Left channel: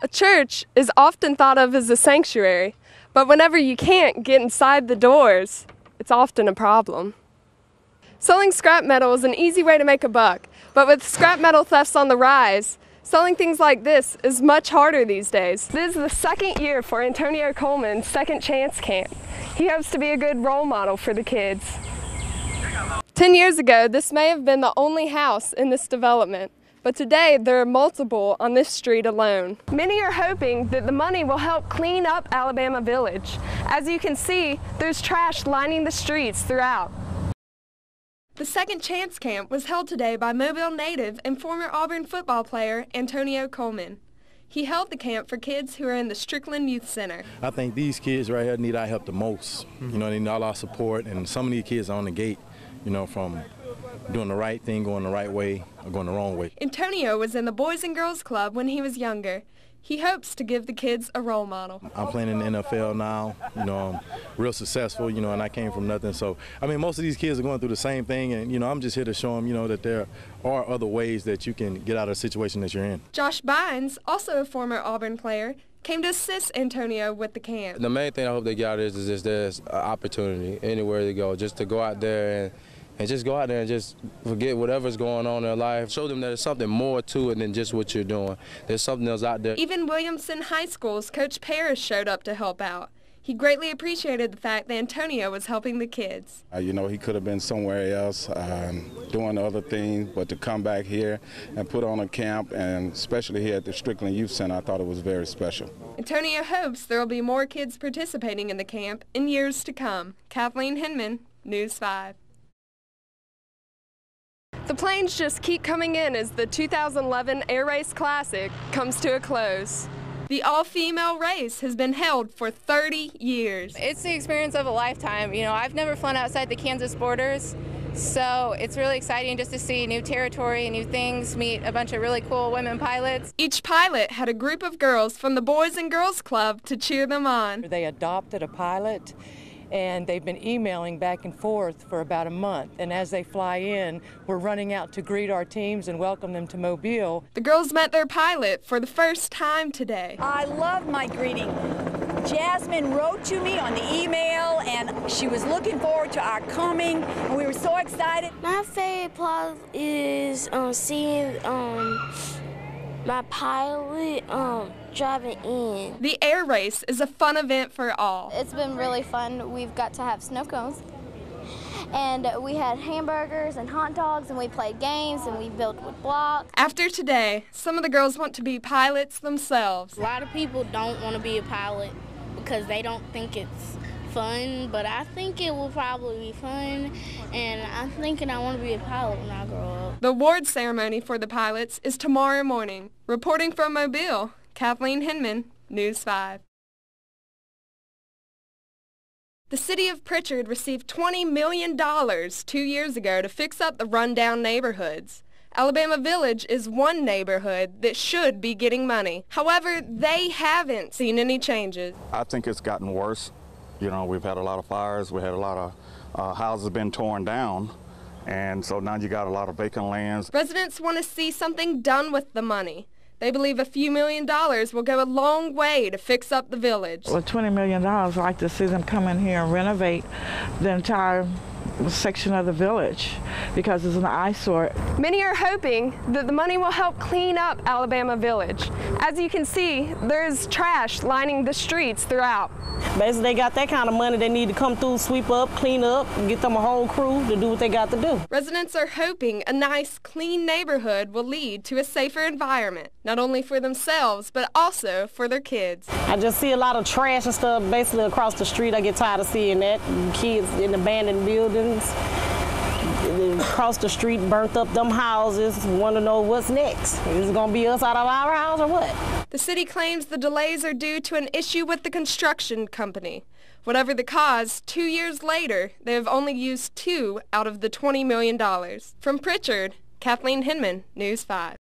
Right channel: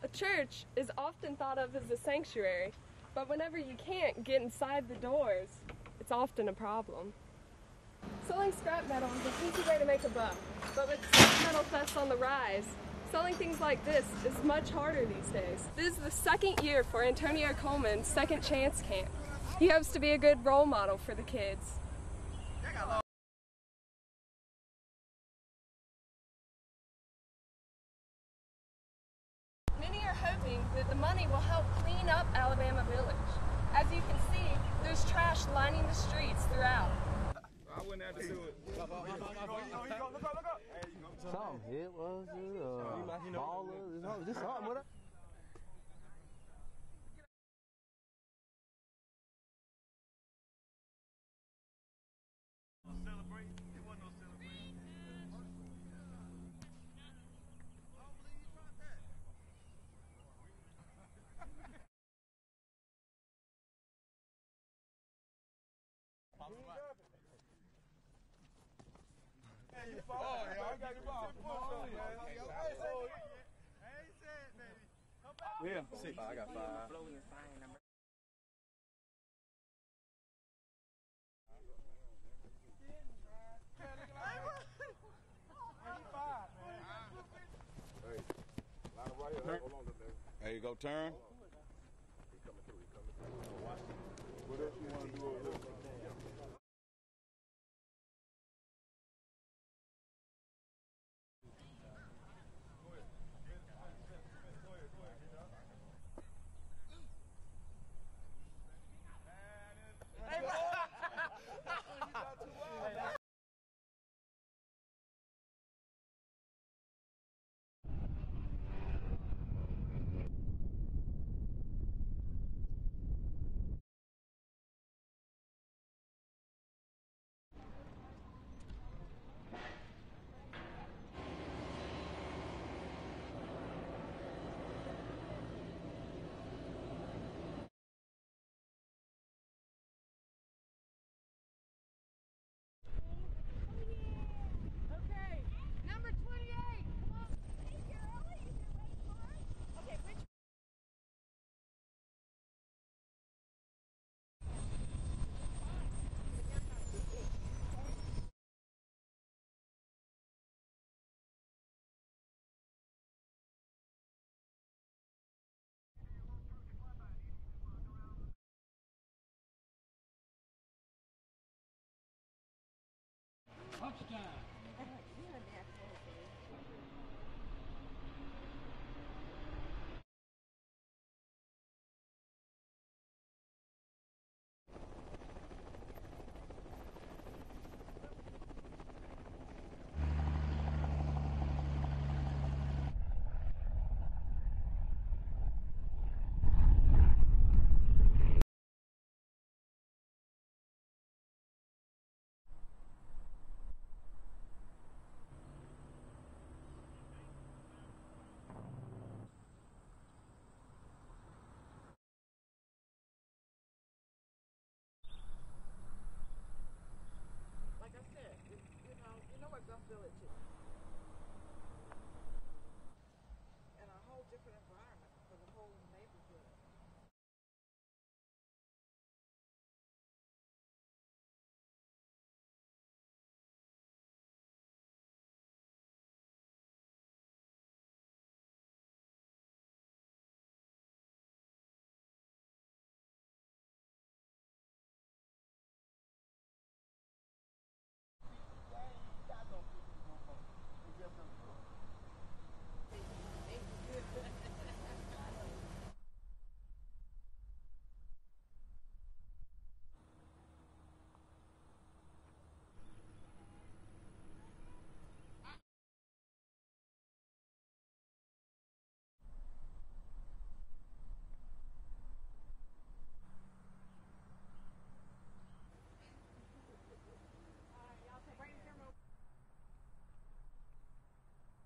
A church is often thought of as a sanctuary, but whenever you can't get inside the doors, it's often a problem. Selling scrap metal is an easy way to make a buck, but with scrap metal thefts on the rise, selling things like this is much harder these days. This is the second year for Antonio Coleman's Second Chance Camp. He hopes to be a good role model for the kids. 10 years ago, this may have been the only house in this development, but today there are multiple on this street alone. Many are hoping that the money will help clean up Alabama Village. As you can see, there's trash lining the streets throughout. The Second Chance Camp was held today by Mobile native and former Auburn football player Antonio Coleman. He held the camp for kids who are in the Strickland Youth Center. I think these kids right here need our help the most. You know, they need all our support, and some of these kids are on the gate, you know, from doing the right thing, going the right way, or going the wrong way. Antonio was in the Boys and Girls Club when he was younger. He hopes to give the kids a role model. I'm playing in the NFL now, you know, I'm real successful, you know, and I came from nothing. So, I mean, most of these kids are going through the same thing, and, you know, I'm just here to show them, you know, that there are other ways that you can get out of the situation that you're in. Josh Bynes, also a former Auburn player, came to assist Antonio with the camp. The main thing I hope they get out of this is just there's an opportunity anywhere to go, just to go out there and just go out there and just forget whatever's going on in their life. Show them that there's something more to it than just what you're doing. There's something else out there. Even Williamson High School's Coach Parrish showed up to help out. He greatly appreciated the fact that Antonio was helping the kids. You know, he could have been somewhere else doing other things, but to come back here and put on a camp, and especially here at the Strickland Youth Center, I thought it was very special. Antonio hopes there will be more kids participating in the camp in years to come. Kathleen Hinman, News 5. The planes just keep coming in as the 2011 Air Race Classic comes to a close. The all-female race has been held for 30 years. It's the experience of a lifetime. You know, I've never flown outside the Kansas borders, so it's really exciting just to see new territory, new things, meet a bunch of really cool women pilots. Each pilot had a group of girls from the Boys and Girls Club to cheer them on. They adopted a pilot, and they've been emailing back and forth for about a month. And as they fly in, we're running out to greet our teams and welcome them to Mobile. The girls met their pilot for the first time today. I love my greeting. Jasmine wrote to me on the email, and she was looking forward to our coming, and we were so excited. My favorite part is seeing my pilot driving in. The air race is a fun event for all. It's been really fun. We've got to have snow cones, and we had hamburgers and hot dogs, and we played games, and we built with blocks. After today, some of the girls want to be pilots themselves. A lot of people don't want to be a pilot because they don't think it's fun, but I think it will probably be fun, and I'm thinking I want to be a pilot when I grow up. The award ceremony for the pilots is tomorrow morning. Reporting from Mobile, Kathleen Hinman, News 5. The city of Pritchard received $20 million 2 years ago to fix up the rundown neighborhoods. Alabama Village is one neighborhood that should be getting money. However, they haven't seen any changes. I think it's gotten worse. You know, we've had a lot of fires, we had a lot of houses been torn down, and so now you got a lot of vacant lands. Residents want to see something done with the money. They believe a few $1 million will go a long way to fix up the village. With $20 million, I'd like to see them come in here and renovate the entire section of the village because it's an eyesore. Many are hoping that the money will help clean up Alabama Village. As you can see, there's trash lining the streets throughout. Basically, they got that kind of money. They need to come through, sweep up, clean up, and get them a whole crew to do what they got to do. Residents are hoping a nice, clean neighborhood will lead to a safer environment, not only for themselves, but also for their kids. I just see a lot of trash and stuff basically across the street. I get tired of seeing that. Kids in abandoned buildings. Across the street, burnt up them houses, want to know what's next. Is it going to be us out of our house or what? The city claims the delays are due to an issue with the construction company. Whatever the cause, 2 years later, they have only used $2 out of the $20 million. From Pritchard, Kathleen Hinman, News 5.